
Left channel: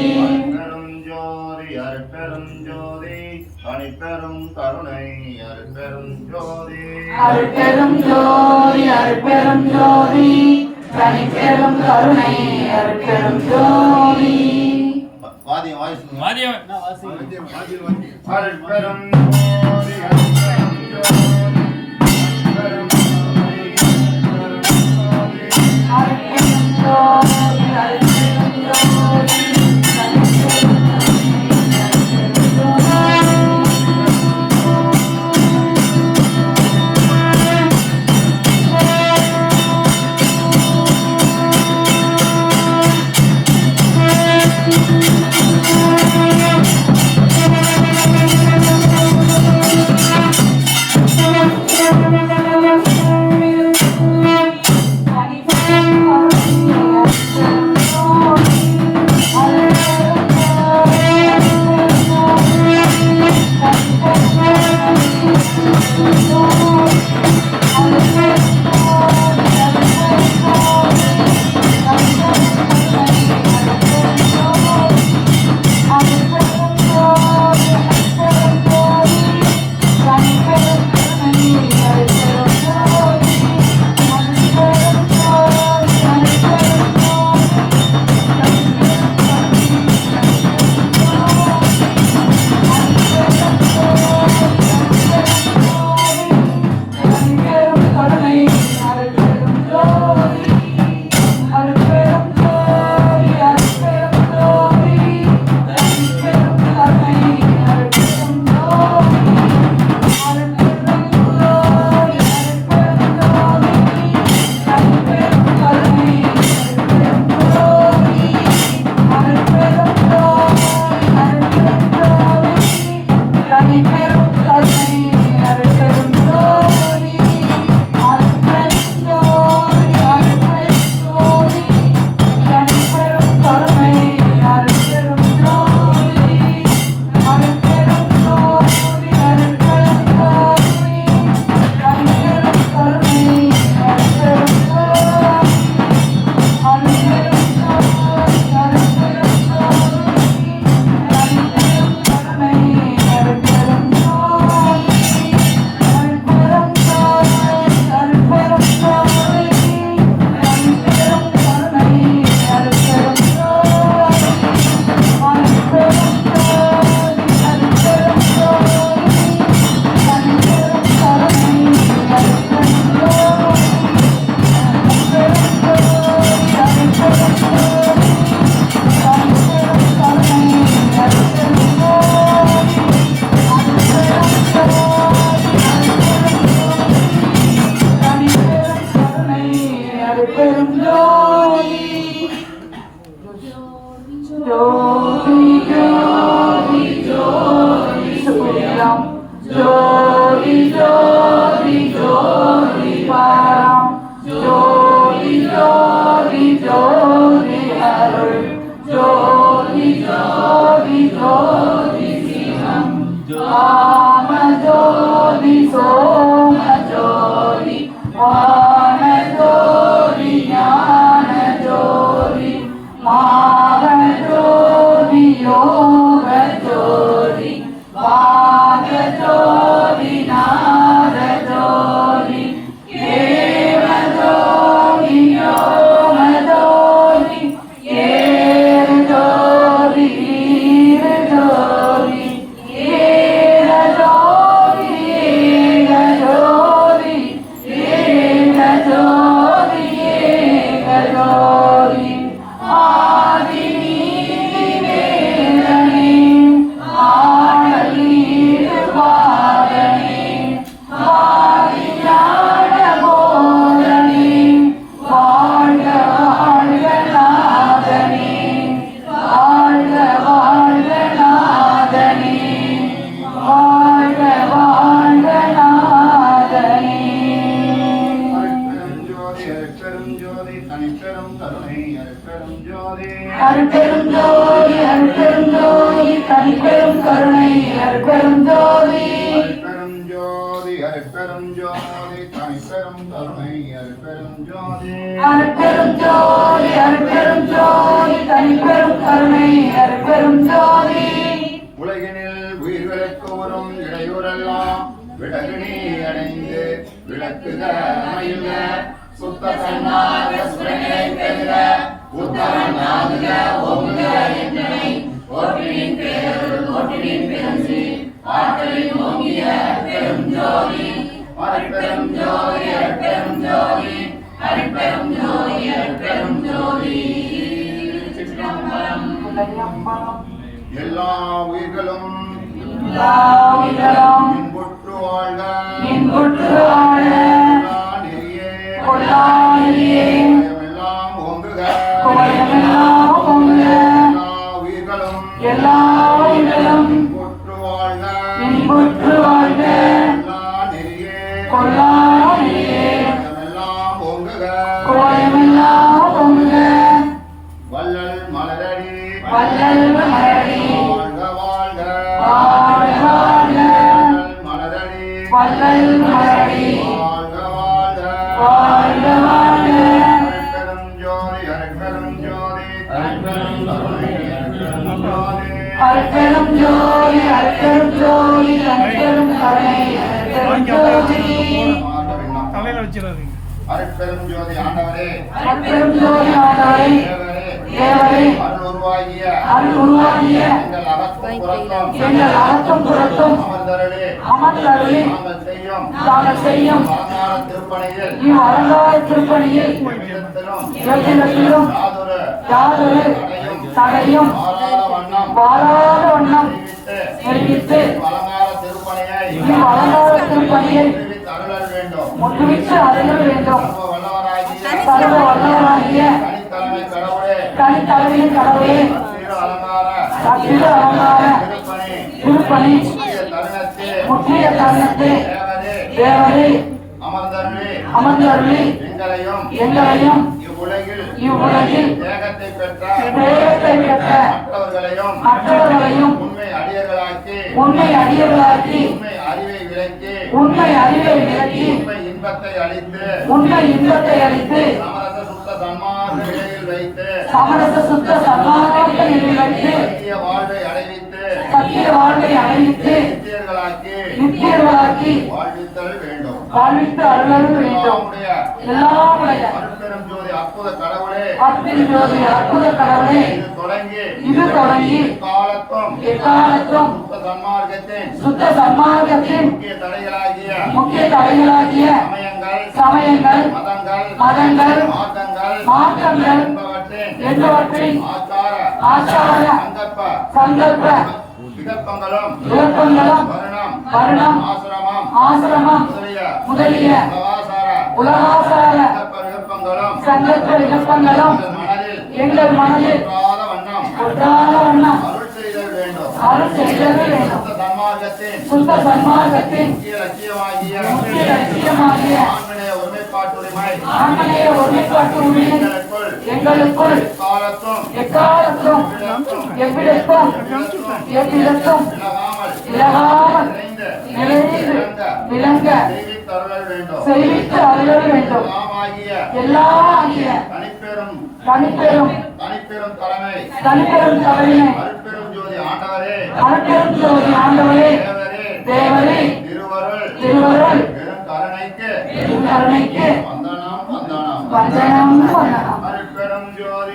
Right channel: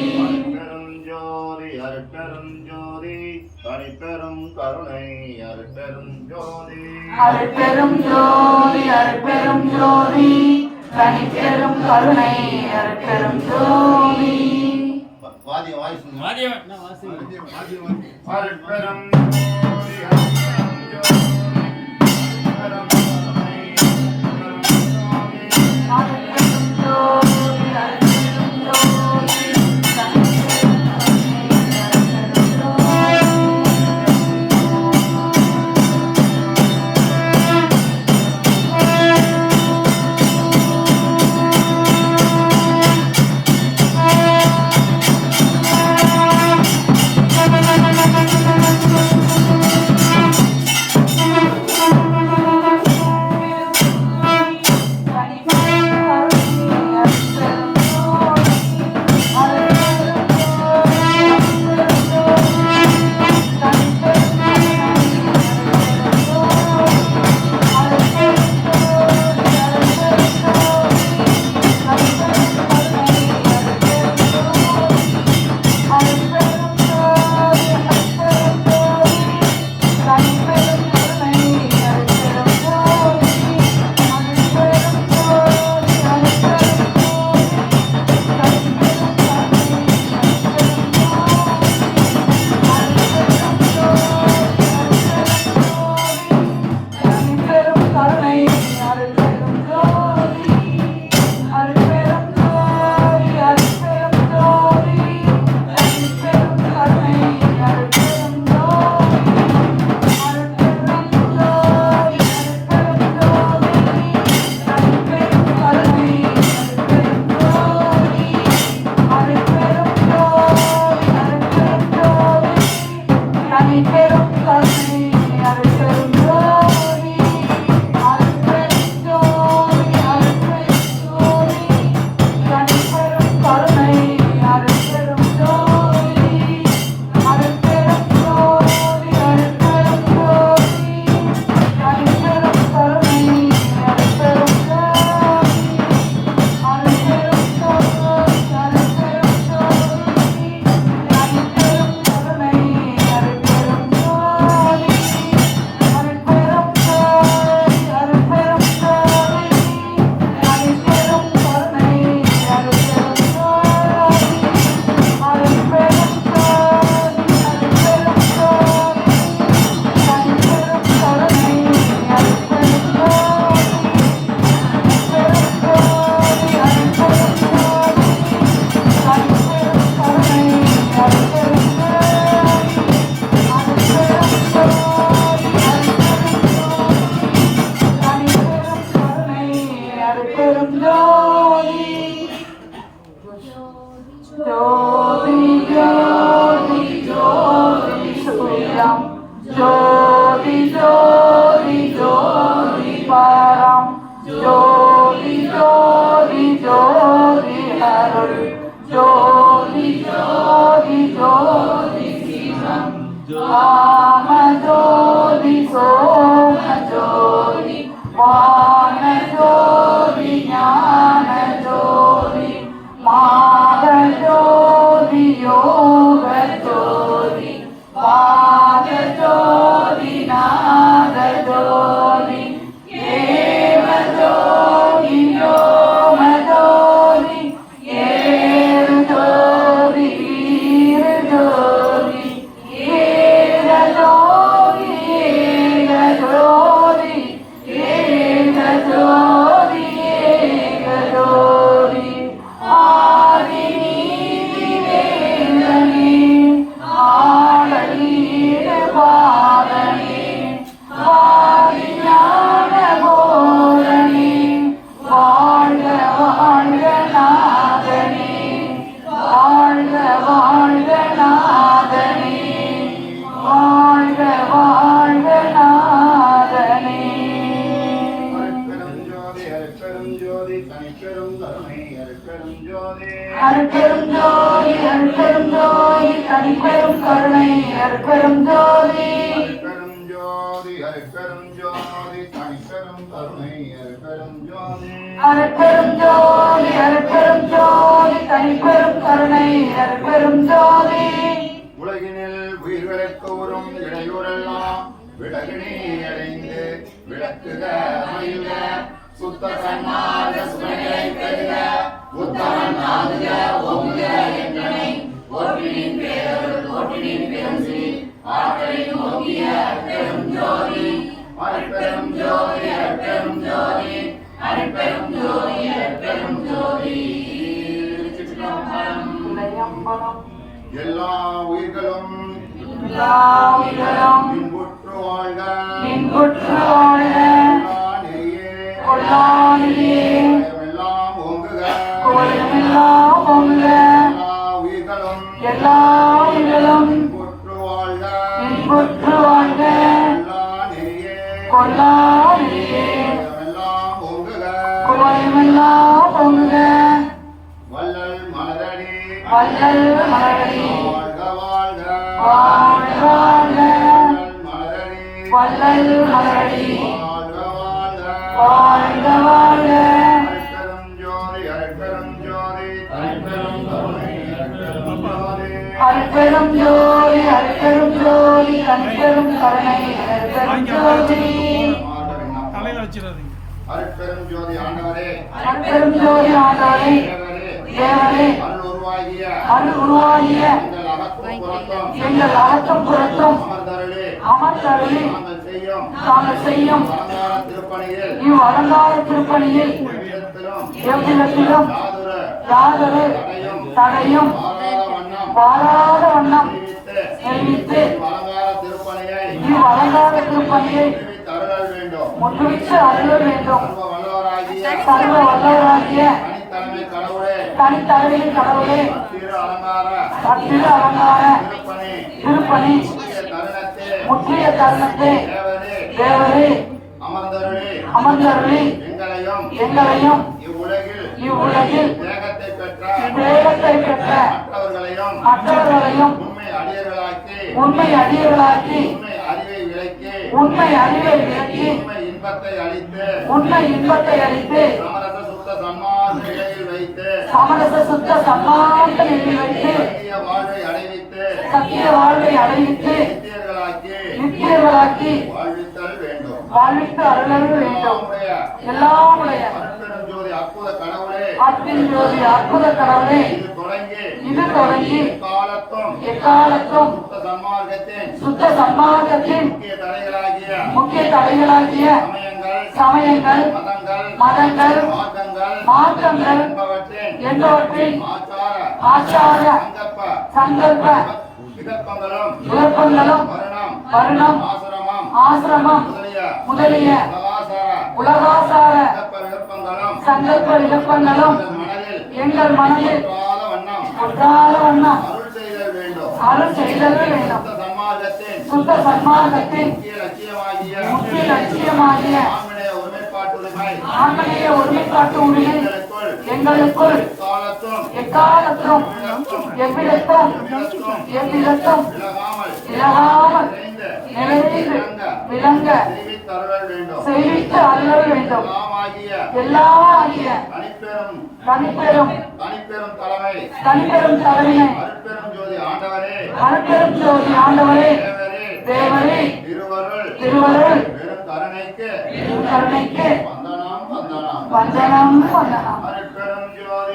அருட்பெரும் ஜோதி அருட்பெரும் ஜோதி தனிப்பெரும் கருணை அருட்பெரும் ஜோதி. அருட்பெரும் ஜோதி அருட்பெரும் ஜோதி தனிப்பெரும் கருணை அருட்பெரும் ஜோதி. வாதியம் வாய்ஸ் வாதியம் அருட்பெரும் ஜோதி அருட்பெரும் ஜோதி தனிப்பெரும் கருணை அருட்பெரும் ஜோதி. அருட்பெரும் ஜோதி அருட்பெரும் ஜோதி தனிப்பெரும் கருணை அறம் ஜோதி ஜோதி ஜோதி அருள் ஜோதி ஜோதி ஜோதி சிவம் ராம ஜோதி சோம ஜோதி வான ஜோதி ஞான ஜோதி மாக ஜோதி யோக ஜோதி வாக ஜோதி நாத ஜோதி ஏவ ஜோதி யோம ஜோதி ஏர ஜோதி வீர ஜோதி ஏர ஜோதி ஏக ஜோதி ஏக ஜோதி ஏக ஜோதி ஆதி நீதி வேதனே ஆடலீர பாதனே வாரி ஞான போதனே வாழ்க வாழ்க நாதனே வாழ்க வாழ்க நாதனே வாழ்க வாழ்க நாதனே அருட்பெரும் ஜோதி தனிப்பெரும் கருணை அருட்பெரும் ஜோதி அருட்பெரும் ஜோதி அருட்பெரும் ஜோதி தனிப்பெரும் கருணை அருட்பெரும் ஜோதி அருட்பெரும் ஜோதி அருட்பெரும் ஜோதி தனிப்பெரும் கருணை அருட்பெரும் ஜோதி அருட்பெரும் ஜோதி அருட்பெரும் ஜோதி தனிப்பெரும் கருணை அருட்பெரும் ஜோதி உலகினில் உயிர்களுக்கு வரும் இடையூறெல்லாம் விலகினி அடைந்து விளக்குக மயில சுத்த சன்மார்க்க சுமைகளை பெறுக உத்தமன் நான்க ஓங்குக என்றனை போற்றினின் பேரருள் போற்றினின் பெருஞ்சி ஆற்றலின் ஓங்கிய பெரும் ஜோதி அருட்பெரும் ஜோதி அருட்பெரும் ஜோதி அருட்பெரும் ஜோதி அருட்பெரும் ஜோதி சிற்றம்பலம். எல்லா உயிர்களும் எல்லாவிதம் இன்புற்று வாழ்க இன்புற்று வாழ எல்லா நெறியே கொள்ளாயே எல்லாம் ஓங்குக குவளையமெல்லாம் பொங்க எல்லா உயிர்களும் எல்லாவிதம் இன்புற்று வாழ்க இன்புற்று வாழ்க எல்லா நெறியே கொள்ளாயே எல்லாம் ஓங்குக குவளையமெல்லாம் பொங்க வள்ளல் மலரடி வள்ளல் மலரடி வாழ்க வாழ்க வாழ்க வாழ்க வள்ளல் மலரடி வள்ளல் மலரடி வாழ்க வாழ்க வாழ்க வாழ்க அருட்பெரும் ஜோதி அருட்பெரும் ஜோதி அருட்பெரும் கருணை அருட்பெரும் ஜோதி அருட்பெரும் ஜோதி அருட்பெரும் ஜோதி தனிப்பெரும் கருணை அருட்பெரும் ஜோதி தலையில வச்சிடாதீங்க. அருட்பெரும் ஜோதி ஆண்டவரே அருட்பெரும் ஜோதி ஆண்டவரே தேவரே தேவரே அருள் உருவாகிய அருள் உருவாகிய எங்கள் அகத்தும் புறத்தும் எங்கள் அகத்தும் புறத்தும் அமர்ந்தருளே அமர்ந்தருளி நாங்கள் செய்யும் தாங்கள் செய்யும் அலங்கார திருப்பணியில் இவ்வழங்கார திருப்பணியில் எவ்விதத்திலும் எவ்விதத்திலும் யாதொரு யாதொரு தடையும் வாராத வண்ணம் வாராத வண்ணம் தெரிவித்து தெரிவித்து அலங்கார திருப்பணியை இவ்வழங்கார திருப்பணியை தெரிவித்து அருளல் வேண்டும் முற்றுவித்து அருள வேண்டும் சர்வ வல்லவராகிய சர்வ வல்லவராகிய தனித்தலைமை கடவுளே தனித்தலைமையின் கடவுளே திரு அலங்கார அத்திரு அலங்கார திருப்பணி திருப்பணி முக்கிய தருணத்தே முற்றிய தருணத்தை தேவரே தேவரே அமர்ந்தருளே அமர்ந்தருளி எங்களையும் இவ்வுலகில் தேகத்தை பெற்ற தேகத்தை பெற்ற மற்றவர்களையும் மற்றவர்களையும் உண்மை அடியர்களாக்கி உண்மை அறிவை விளக்கி உண்மை அறிவை விளக்கி உண்மை இன்பத்தை அளித்து உண்மை இன்பத்தை அளித்து சமரச சுத்த சன்மார்க்க நிலையில் வைத்து சமரச சுத்த சன்மார்க்க நிலையில் வைத்து சத்திய வாழ்வை அடைவித்து சத்திய வாழ்வை அடைவித்து நித்தியர்களாக்கி வாழ்வித்தல் வேண்டும். வாழ்வித்து அருளல் வேண்டும். எல்லாமுடைய அருட்பெரும் ஜோதி அற்புத கடவுளே, அற்பின் ஜோதி அற்புத கடவுளே, இது தொடங்கி எக்காலத்தும் சுத்த சன்மார்க்கத்தின் முக்கிய தடைகளாகிய சமயங்கள் மதங்கள் மார்க்கங்கள் என்பவற்றின் ஆச்சார சங்கல்ப விருப்பங்களும் வருணம் ஆசிரமம் முதலிய உலகாசார சங்கல்ப விருப்பங்களும் எங்கள் மனதில் ஒன்றாத வண்ணம் அருள் செய்தல் வேண்டும். சுத்த சன்மார்க்கத்தின் முக்கிய லட்சியமாகிய ஆண்மநேய ஒருமைப்பாட்டு உரிமை எங்களுக்குள் எக்காலத்தும் எவ்விடத்தும் விலகாமல் நிறைந்து விளங்க செய்வித்து அருள வேண்டும். எல்லாம் ஆகிய தனிப்பெரும் தலைமை அருட்பெரும் ஜோதி ஆண்டவரே தேவரே திருவருள் கருணைக்கு வந்தனம் வந்தனம். அருட்பெரும் ஜோதி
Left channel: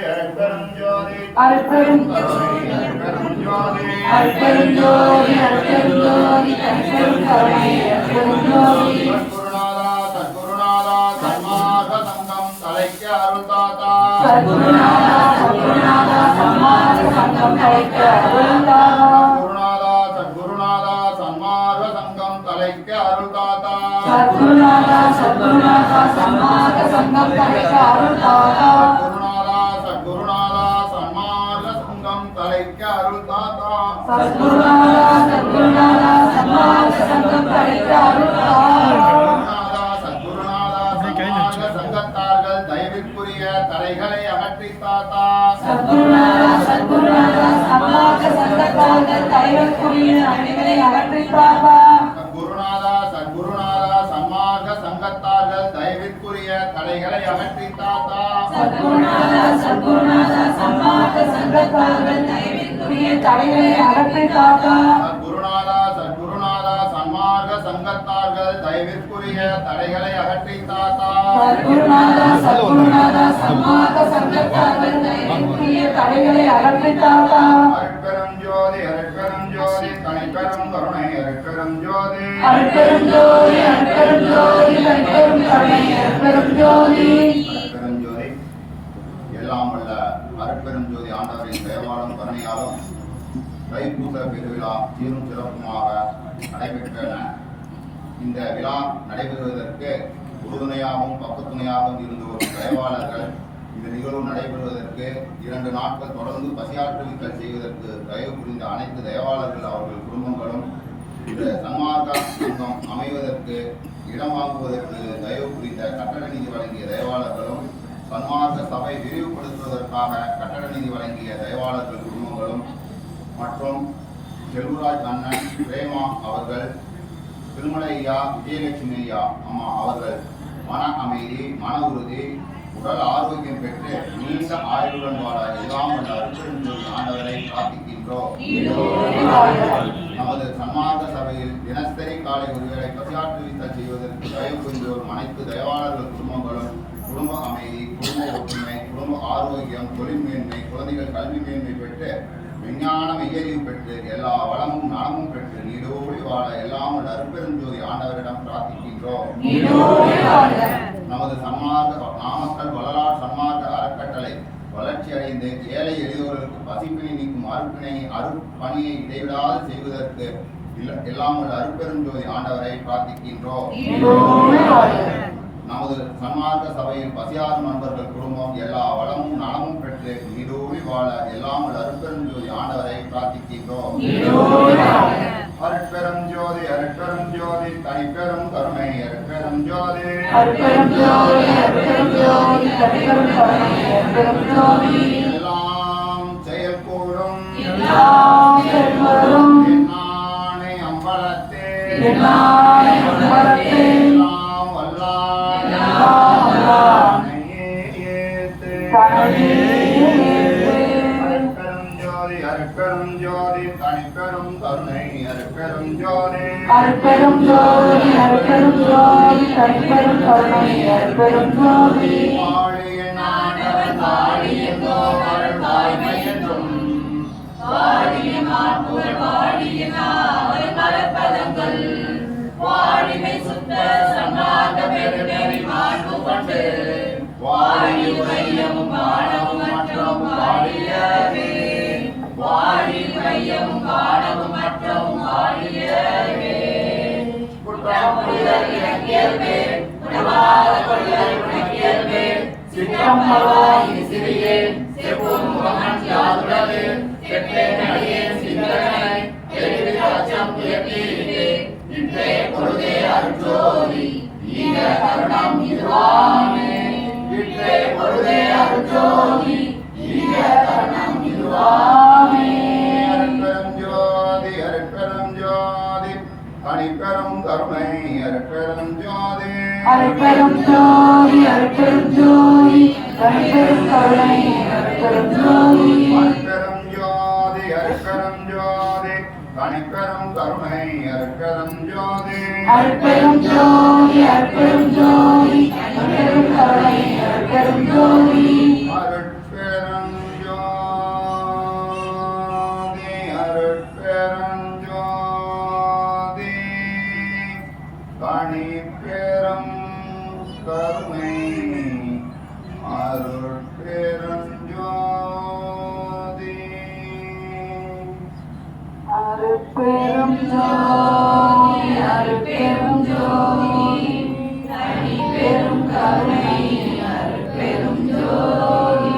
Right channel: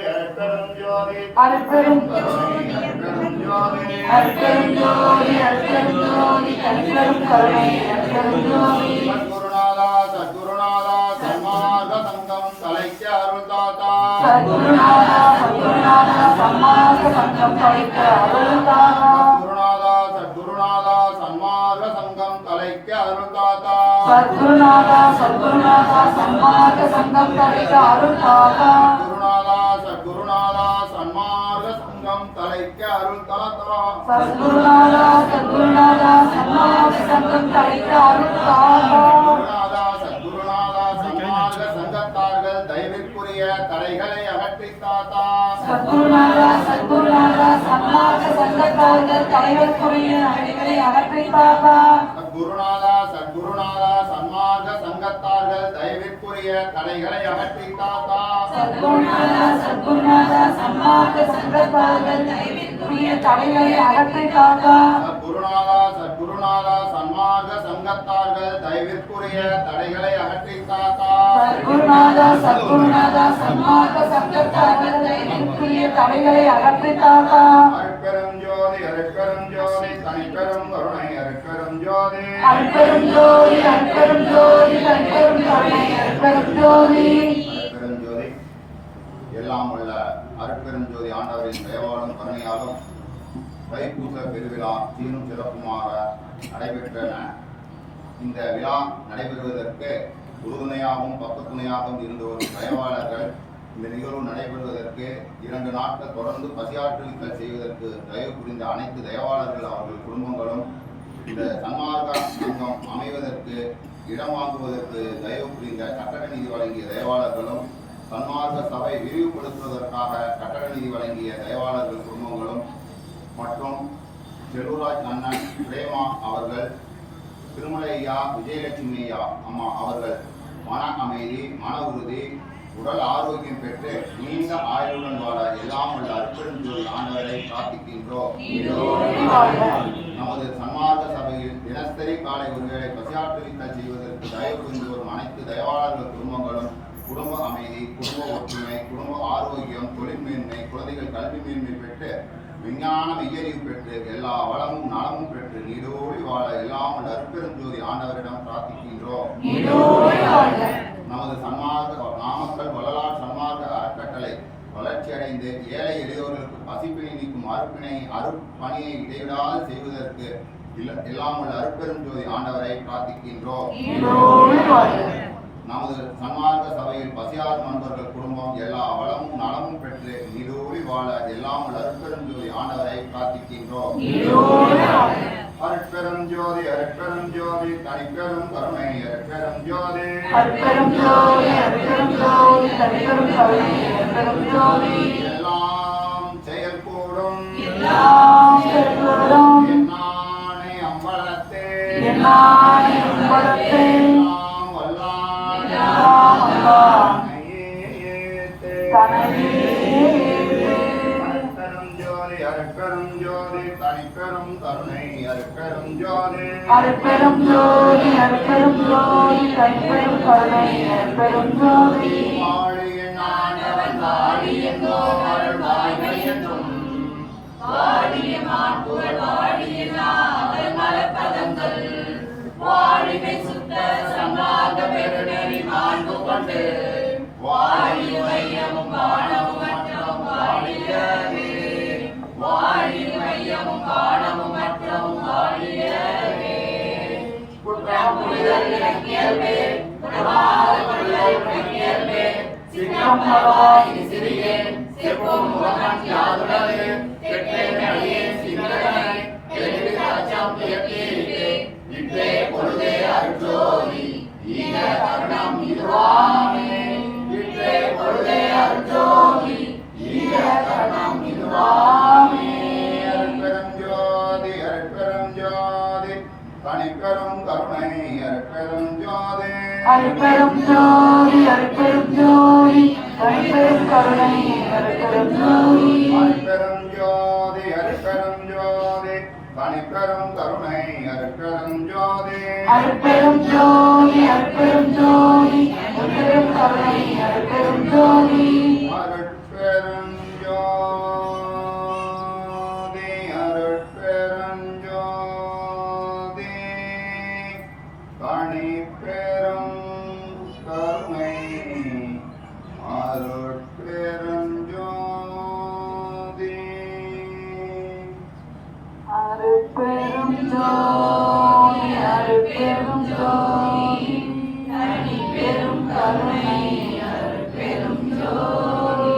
தனிப்பெரும் கருணை அருட்பெரும் ஜோதி சத்குருநாதா சன்மார்க்க சங்கம் தலைக்க அருள் தாத்தா. சத்குருநாதா சன்மார்க்க சங்கம் தலைக்க அருள் தாத்தா. சத்குருநாதா சன்மார்க்க சங்கம் தலைக்க அருள் தாத்தா. சங்கத்தார்கள் தயவிற்குரிய தடைகளை அகற்றி தாத்தா. சத்குருநாதா சன்மார்க்க சங்கத்தார்கள் தடைகளுக்குரிய தடைகளை அகற்றி தாத்தா. சத்குருநாதா சன்மார்க்க சங்கத்தார்கள் தயவிற்குரிய தடைகளை அகற்றி தாத்தா. சத்குருநாதா சன்மார்க்க சங்கத்தார்கள் தடைவிற்குரிய தடைகளை அகற்றி தாத்தா. சத்குருநாதா சன்மார்க்க சங்கத்தார்கள் தயவிற்குரிய தடைகளை அகற்றி தாத்தா. சத்குருநாதா சன்மார்க்க சங்கத்தார்கள் தடைவிற்குரிய தடைகளை அகற்றி தாத்தா. அருட்பெரும் ஜோதி தனிப்பெரும் கருணை அருட்பெரும் ஜோதி அருட்பெரும் ஜோதி தனிப்பெரும் கருணை அருட்பெரும் ஜோதி. அருட்பெரும் ஜோதி எல்லாம் உள்ள அருட்பெரும் ஜோதி ஆண்டவரின் தேவாலும் கருணையாலும் தைப்பூச பெருவிழா சீரும் சிறப்புமாக நடைபெற்றன. இந்த விழா நடைபெறுவதற்கு உறுதுணையாகவும் பக்கத்துணையாகவும் இருந்து வரும் தயவாளர்கள் இந்த நிகழ்வு நடைபெறுவதற்கு 2 நாட்கள் தொடர்ந்து பசியாற்றல்கள் செய்வதற்கு தயவு புரிந்த அனைத்து தயவாளர்கள் அவர்கள் குடும்பங்களும் இந்த சன்மார்க்க சங்கம் அமைவதற்கு இடம் வாங்குவதற்கு தயவு புரிந்த கட்டட நிதி வழங்கிய தயவாளர்களும் சன்மார்க்க சபை விரிவுபடுத்துவதற்காக கட்டட நிதி வழங்கிய தயவாளர்கள் குடும்பங்களும் மற்றும் செல்வராஜ் அண்ணன் பிரேமா அவர்கள், திருமலை ஐயா, விஜயலட்சுமி ஐயா அம்மா அவர்கள் மன அமைதி, மன உறுதி, உடல் ஆரோக்கியம் பெற்று நீண்ட ஆயுளுடன் வாழ எல்லாம் உள்ள அருட்பெரும் ஜோதி ஆண்டவரை பிரார்த்திக்கின்றோம். நமது சன்மார்க்க சபையில் தினசரி காலை ஒருவேளை பசியாற்றுவித்தல் செய்வதற்கு தயவு புரிந்து வரும் அனைத்து தயவாளர்கள் குடும்பங்களும் குடும்ப அமைதி, குடும்ப ஒற்றுமை, குடும்ப ஆரோக்கியம், தொழில் மேன்மை, குழந்தைகள் கல்வி மேன்மை பெற்று விஞ்ஞான மெய்யறிவு பெற்று எல்லா வளமும் நலமும் பெற்று நீடோடி வாழ எல்லாம் உள்ள அருட்பெரும் ஜோதி ஆண்டவரிடம் பிரார்த்திக்கின்றோம். நமது சன்மார்க்க நாமக்கல் வள்ளலார் சன்மார்க்க அறக்கட்டளை வளர்ச்சியடைந்து ஏழை எளியோர்களுக்கு பசிப்பினை நீக்கும் அருட்பணியை இடைவிடாது செய்வதற்கு எல்லாம் உள்ள அருட்பெரும் ஜோதி ஆண்டவரை பிரார்த்திக்கின்றோம். நமது சன்மார்க்க சபையில் பசியாரும் நண்பர்கள் குடும்பம் எல்லா வளமும் நலமும் பெற்று நீடோடி வாழ எல்லாம் உள்ள அருட்பெரும் ஜோதி ஆண்டவரை பிரார்த்திக்கின்றோம். அருட்பெரும் ஜோதி தனிப்பெரும் கருணை அருட்பெரும் ஜோதி எல்லாம் செயல்கூடும் என்னானே அம்பலத்தே அருட்பெரும் ஜோதி தனிப்பெரும் கருணை அருட்பெரும் ஜோதி அருட்பெரும் ஜோதி தனிப்பெரும் கருணை அருட்பெரும் ஜோதி. வாழிய நாட்டவன் வாழியதோ அருள்வாய்மையதும் வாழிய மாண்புகள் வாழிய நாவல் மலப்பதங்கள் வாழிமை சுத்த சன்மார்க்க பெருநெறி மாண்பு கொண்டு வாழிய மையமும் வானமும் மற்றும் வாழியவே வாழிய மையமும் வானமும் மற்றும் வாழியவே குற்றம் புரிதல் இலக்கியல்வே உணவாத கொள்ளல் உணக்கியல்வே சிற்றம் மறவாய் சிறியேன் செப்பும் முகமன் யாதுடலே கெட்டேன் அடியேன் சிந்தனை தெரிவித்த அச்சம் இயற்கையிலே இன்றே பொழுதே அருட்ஜோதி ஈக கருணம் இதுவா அருட்பெரும் ஜோதி அருட்பெரும் ஜோதி தனிப்பெரும் கருணை அருட்பெரும் ஜோதி அருட்பெரும் ஜோதி அருட்பெரும் ஜோதி தனிப்பெரும் கருணை அருட்பெரும் ஜோதி அருட்பெரும் ஜோதி அருட்பெரும் ஜோதி தனிப்பெரும் கருணை அருட்பெரும் ஜோதி அருட்பெரும் ஜோதி அருட்பெரும் ஜோதி தனிப்பெரும் கருணை அருட்பெரும் ஜோதி அருட்பெரும் ஜோதி அருட்பெரும் ஜோதி தனிப்பெரும் கருணை அருட்பெரும் ஜோதி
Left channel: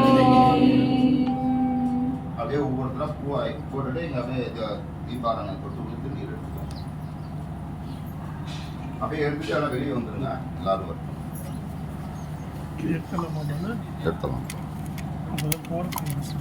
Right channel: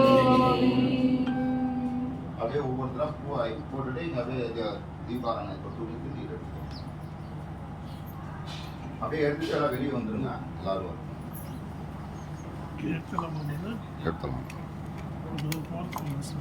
அப்படியே ஒவ்வொருத்தரா பூவாய் போட்டுட்டு இங்க அப்படியே தீபாராதனை கொடுத்து கொடுத்து நீர் எடுத்துக்கோம். அப்படியே எடுத்துட்டு எல்லாம் வெளியே வந்துருங்க. எல்லாரும் வரும். எடுத்தலாம் எடுத்தலாம். போகிறதுக்கு